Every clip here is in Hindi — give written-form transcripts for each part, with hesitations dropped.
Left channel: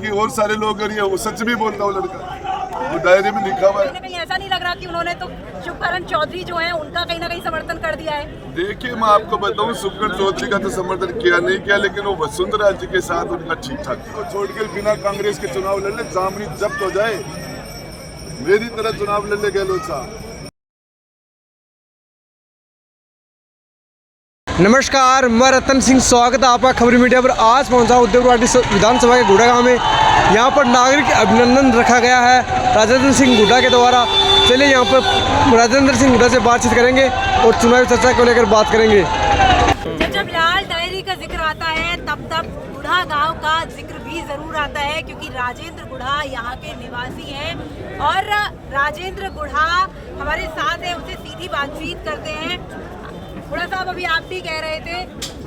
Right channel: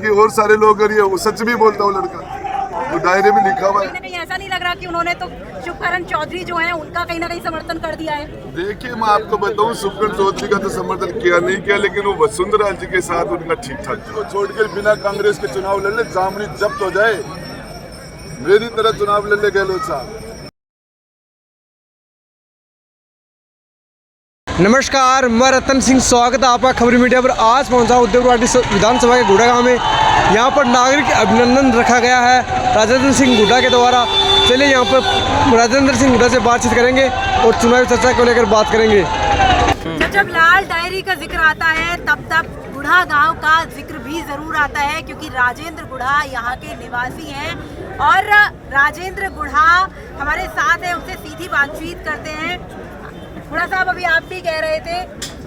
कि और सारे लोग अगर ये वो सच भी बोलता हूँ लड़का, वो डायरी में लिखा हुआ है। कहीं ऐसा नहीं लग रहा कि उन्होंने तो शुभकरण चौधरी जो है उनका कहीं ना कहीं समर्थन कर दिया है। देखिए, मैं आपको बताऊं, शुभकरण चौधरी का तो समर्थन किया नहीं किया, लेकिन वो वसुंधरा जी के साथ उनका ठीक ठाक था। वो छोड़कर बिना कांग्रेस के चुनाव लड़ ले, जामनी जब्त हो जाए, मेरी तरह चुनाव लड़ ले गहलोत साहब। नमस्कार, मैं रतन सिंह, स्वागत है आपका खबरी मीडिया पर। आज पहुंचा उद्योगवाटी विधानसभा के गुड़ा गांव में। यहां पर नागरिक अभिनंदन रखा गया है राजेंद्र सिंह गुड्डा के द्वारा। चलिए यहां पर राजेंद्र सिंह गुड्डा से बातचीत करेंगे और चुनावी चर्चा को लेकर बात करेंगे। जब लाल डायरी का जिक्र आता है तब गुड़ा गांव का जिक्र भी जरूर आता है, क्योंकि राजेंद्र गुड़ा यहाँ के निवासी हैं और राजेंद्र गुड़ा हमारे साथ हैं, उनसे सीधी बातचीत करते हैं। गुड़ा साहब, अभी आप भी कह रहे थे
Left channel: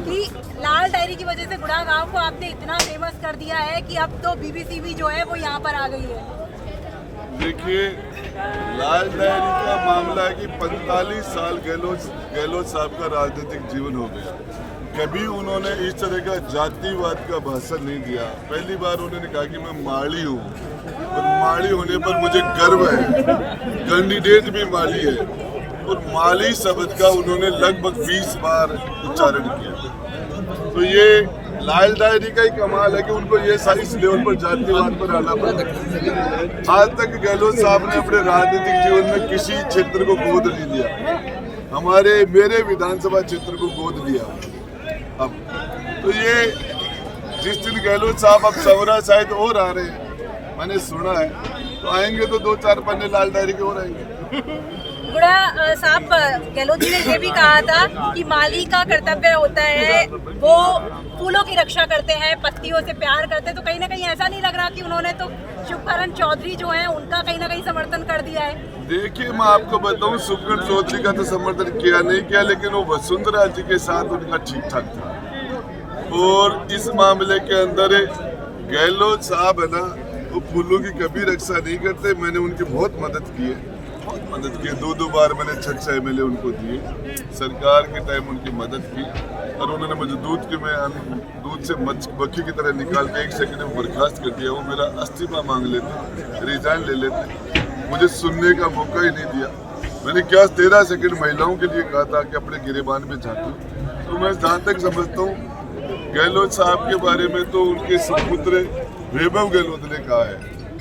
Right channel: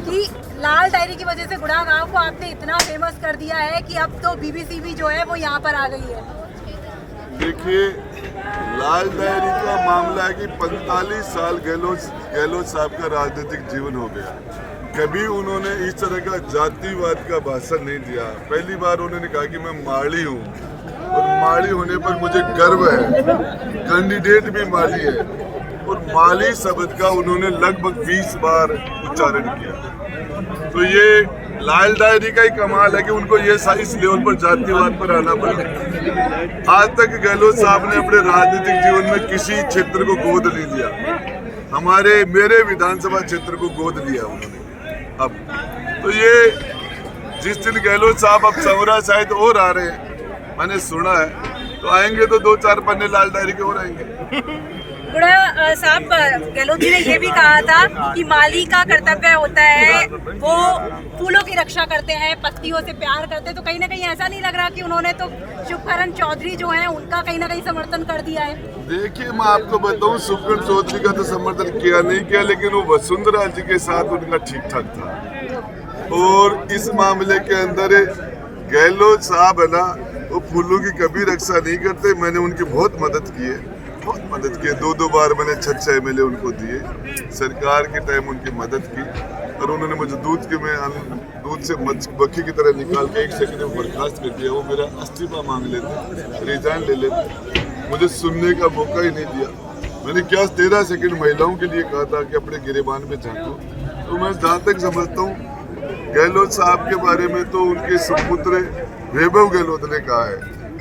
कि लाल डायरी की वजह से गुड़ा गांव को आपने इतना फेमस कर दिया है कि अब तो बीबीसी भी जो है वो यहाँ पर आ गई है। देखिए, लाल डायरी का मामला है कि 45 साल गहलोत साहब का राजनीतिक जीवन हो गया। कभी उन्होंने इस तरह का जातिवाद का भाषण नहीं दिया। पहली बार उन्होंने कहा कि मैं माड़ी हूँ और माड़ी होने पर मुझे गर्व है, कैंडिडेट भी माली है, और माली शब्द का उन्होंने लगभग 20 बार उच्चारण किया। तो ये लाल डायरी का ही कमाल है कि उनको ये इस लेवल पर जातिवाद पर आना पड़ा। आज तक गहलोत साहब ने अपने राजनीतिक जीवन में किसी क्षेत्र को गोद नहीं लिया। मेरे विधानसभा क्षेत्र को गोद लिया उन्होंने। अब तो ये जिस दिन गहलोत साहब अब सवरा शायद और आ रहे हैं, मैंने सुना है, तो आएंगे तो 2-4 पन्ने लाल डायरी के और आएंगे। गुड़ा साहब, गहलोत जी ने ये भी कहा था कि माली का कर्तव्य होता है, वो फूलों की रक्षा करते हैं, पत्तियों से प्यार करते हैं। तो कहीं ना कहीं ऐसा नहीं लग रहा कि उन्होंने तो शुभकरण चौधरी जो है उनका कहीं ना कहीं समर्थन कर दिया है। देखिए, मैं आपको बताऊं, शुभकरण चौधरी का तो समर्थन किया नहीं किया, लेकिन वो वसुंधरा जी के साथ उनका ठीक ठाक था। और इस मामले के अंदर गहलोत साहब है ना, वो फूलों की कभी रक्षा नहीं करते। मैंने उनकी बहुत मदद की है, बहुत मदद की। 2 बार मैंने 6 MLA उनको दिए, सरकार के टाइम उनकी मदद की। और उन्होंने मुझे दूध से मक्खी की तरह निकाल के 1 सेकंड में बर्खास्त कर दिया। वो मेरा इस्तीफा मांग लेते, रिजाइन ले लेते, मुझे सुनने का मौका ही नहीं दिया। मैंने क्या 13 सेकंड महिलाओं के लिए कहा था कि अपने गिरेबान में झांको। तो मैं जहाँ तक समझता हूँ, गहलोत साहब के बारे में तो उनके सुपुत्र वैभव गहलोत ने कहा है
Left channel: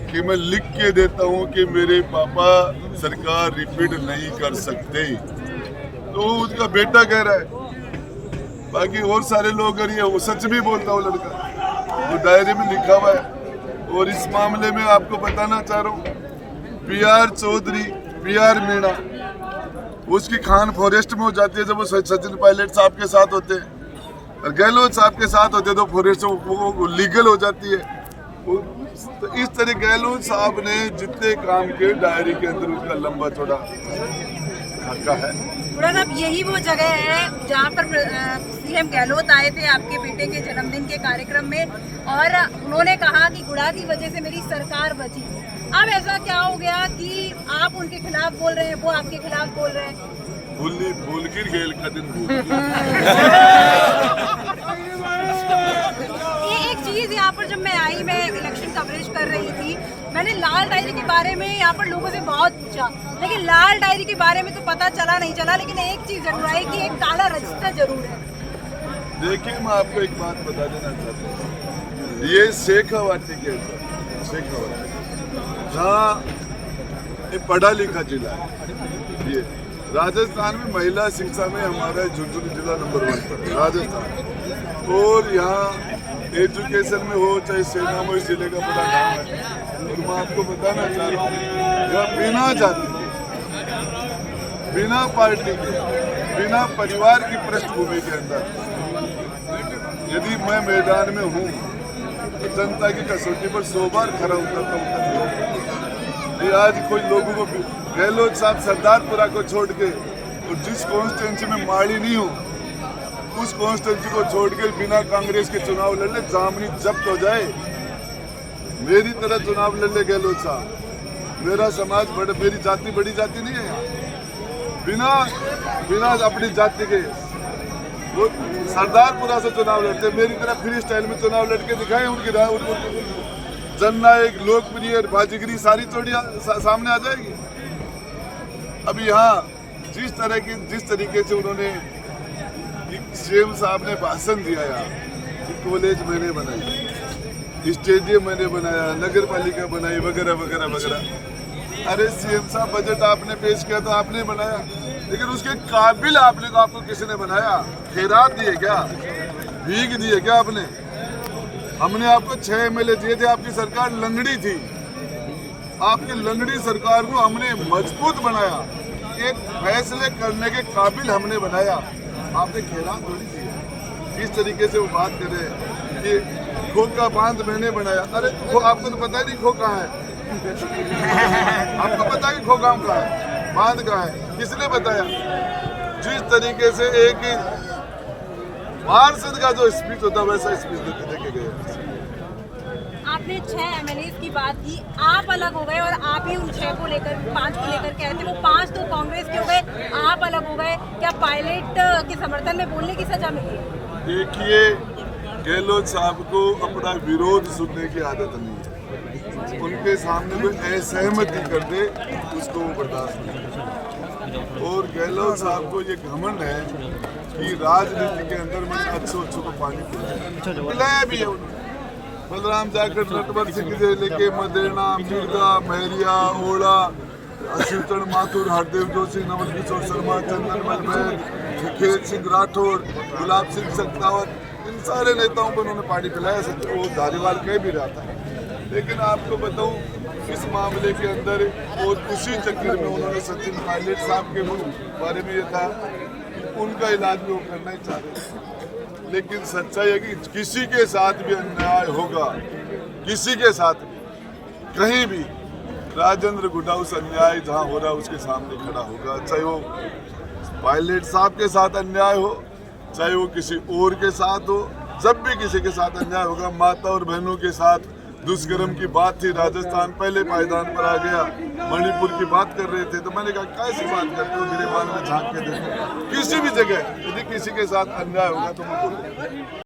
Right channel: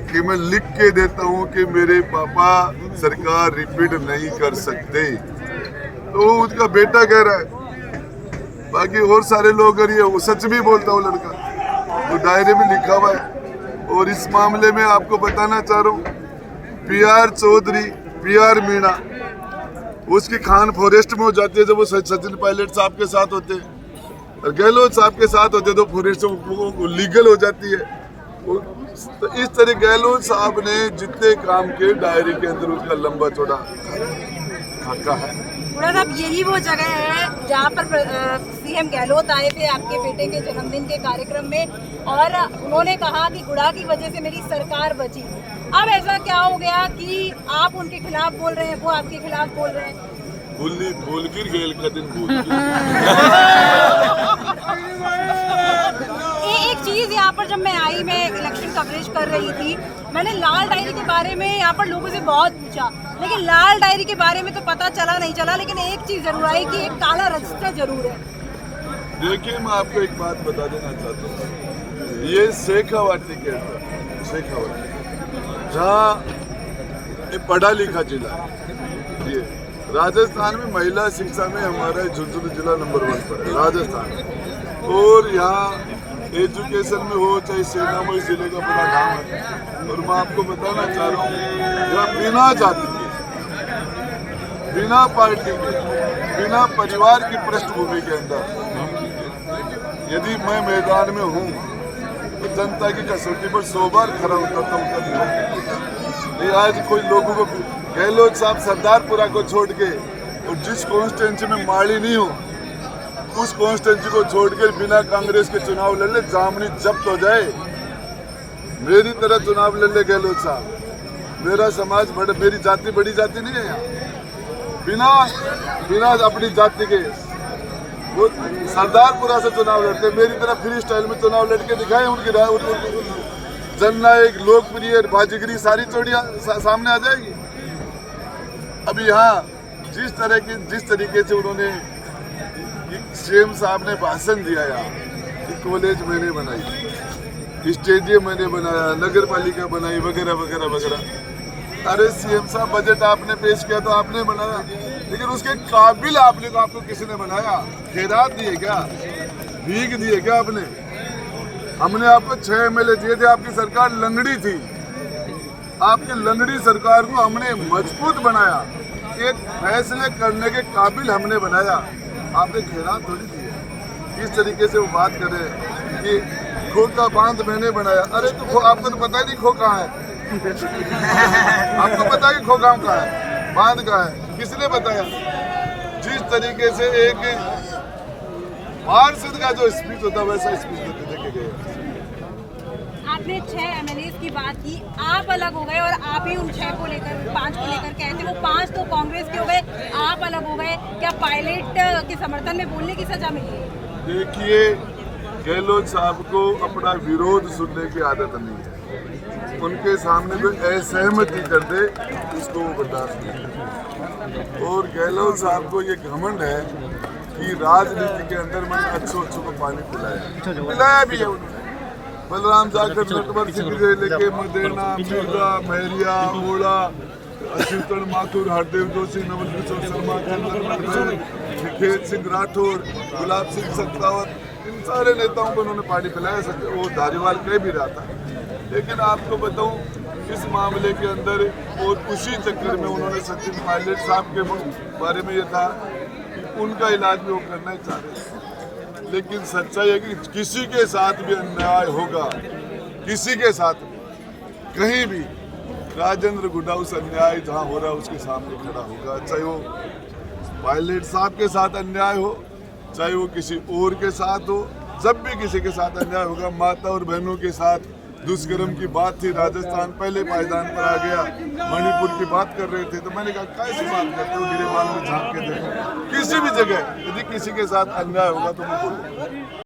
कि मैं लिख के देता हूं कि मेरे पापा सरकार रिपीट नहीं कर सकते। तो उसका बेटा कह रहा है। बाकी और सारे लोग अगर ये वो सच भी बोलता हूँ लड़का, वो डायरी में लिखा हुआ है। और इस मामले में आपको बताना चाह रहा हूँ, PR चौधरी, PR मीणा, उसकी खान फॉरेस्ट में हो जाती है जब वो सचिन पायलट साहब के साथ होते हैं, और गहलोत साहब के साथ होते तो फॉरेस्ट वो लीगल हो जाती है। तो इस तरह गहलोत साहब ने जितने काम किए डायरी के अंदर उसका लंबा चौड़ा खाका है। गुड़ा साहब, यही वो जगह है जहाँ पर CM गहलोत आए थे आपके बेटे के जन्मदिन के कार्यक्रम में, और उन्होंने कहा कि गुड़ा की वजह से मेरी सरकार बची। अब ऐसा क्या हो गया कि आप उनके खिलाफ बोल रहे हैं, वो आपके खिलाफ बोल रहे हैं? भूल गिर गेल का दिन भूल एक चीज यहाँ पर, जब मैं आई, मैं इलेक्शन कवरेज कर रही थी, मैंने लाल डायरी के बारे में यहाँ पर लोगों से बहुत पूछा, लेकिन लाल डायरी के बारे में तो पता चला नहीं चला। लेकिन एक चीज जरूर आई कि एक काला रजिस्टर जरूर है। देखिए, मैं आपको एक बात बता देना चाहता हूँ, ये शेखावाटी के अंदर, शेखावाटी जहाँ पढ़ा लिखा जिला है, ये राजस्थान में महिला शिक्षा में हमारा झुंझुनू जिला नंबर 1 पर है राजस्थान। और यहाँ एजुकेशन में हो चाहे सेना में, इस जिले का बड़ा नाम है। और मैं आपको बताना चाह रहा हूँ, यहाँ बिना जाति के, बिना पार्टी के, बिना परिवार की पृष्ठभूमि के अंदर यदि मैं मैदान में हूँ तो जनता की कसौटी पर 100 बार खरा उतरता हूँ। आज कोई लोगों को, गहलोत साहब सरदारपुरा को छोड़ के, और जिस कॉन्स्टिट्यूंसी में माड़ी नहीं हो, उस कॉन्स्टिट्यूंसी को छोड़कर बिना कांग्रेस के चुनाव लड़ ले, जामनी जब्त हो जाए, मेरी तरह चुनाव लड़ ले गहलोत साहब। मेरा समाज मेरी जाति बड़ी जाति नहीं है यहाँ। बिना अपनी जाति के वो सरदारपुरा से चुनाव लड़ते, मेरी तरह फ्री स्टाइल में चुनाव लड़के दिखाए उनकी जननायक, लोकप्रिय, बाजीगरी सारी चोटियां सामने आ जाएगी। अभी यहाँ जिस तरीके से उन्होंने सीएम साहब ने भाषण दिया यहाँ कि कॉलेज मैंने बनाई, स्टेडियम मैंने बनाया, नगर पालिका बनाई, वगैरह वगैरह वगैरह। अरे सीएम साहब, बजट आपने पेश किया तो आपने बनाया, लेकिन उसके काबिल आपको किसी ने बनाया? खैरात दिए क्या? भीख दिए क्या आपने? हमने आपको 6 MLA दिए थे, आपकी सरकार लंगड़ी थी। आपकी लंगड़ी सरकार को हमने मजबूत बनाया, एक फैसले करने के काबिल हमने बनाया। आपने खैरात थोड़ी दी है। इस तरीके से वो बात कर रहे हैं कि खो का बांध मैंने बनाया। अरे तो आपको तो पता ही नहीं खो कहाँ है। आपको पता है कि खो गाँव कहाँ है, बांध कहाँ है, किसने बताया? जिस तरीके से एक पार्षद का जो स्पीच होता वैसा स्पीच देके गए। आपने 6 MLAs की बात की, आप अलग हो गए और आप ही उन 6 को लेकर 5 को लेकर के आए थे। वो 5 तो कांग्रेस के हो गए, आप अलग हो गए। क्या पायलट के समर्थन में बोलने की सजा मिली? देखिए, गहलोत साहब को अपना विरोध सुनने की आदत नहीं है। उनके सामने कोई असहमति कर दे उसको वो बर्दाश्त नहीं। और गहलोत साहब को ये घमंड है कि राजनीति के अंदर मैंने अच्छों को पानी पिलाया भी है उन्होंने। बलराम जाखड़, नटवर सिंह से लेके मदेना, मिर्जा, महरिया, ओड़ा, अच्युतन माथुर, हरदेव जोशी, नवल किशोर शर्मा, चंदनमल बैग, खेत सिंह राठौर, गुलाब सिंह सत्तावत, इन सारे नेताओं को उन्होंने पानी पिलाया। वो धारीवाल कह भी रहा था। लेकिन आपको बताऊं, इस मामले के अंदर और उसी चक्कर में उन्होंने सचिन पायलट साहब के बारे में ये कहा कि उनका इलाज भी वो करना ही चाह रहे थे। लेकिन सच्चाई है कि किसी के साथ भी अन्याय होगा, किसी के साथ भी, कहीं भी, राजेंद्र गुड्डा उस अन्याय जहां हो रहा है उसके सामने खड़ा होगा। चाहे वो पायलट साहब के साथ अन्याय हो, चाहे वो किसी और के साथ हो। जब भी किसी के साथ अन्याय होगा, माता और बहनों के साथ दुष्कर्म की बात थी, राजस्थान पहले पायदान पर आ गया, मणिपुर की बात कर रहे थे, तो मैंने कहा कैसी बात करते हो, गिरेबान में झांक के देखो। किसी भी जगह यदि किसी के साथ अन्याय होगा तो मैं बोलूँ।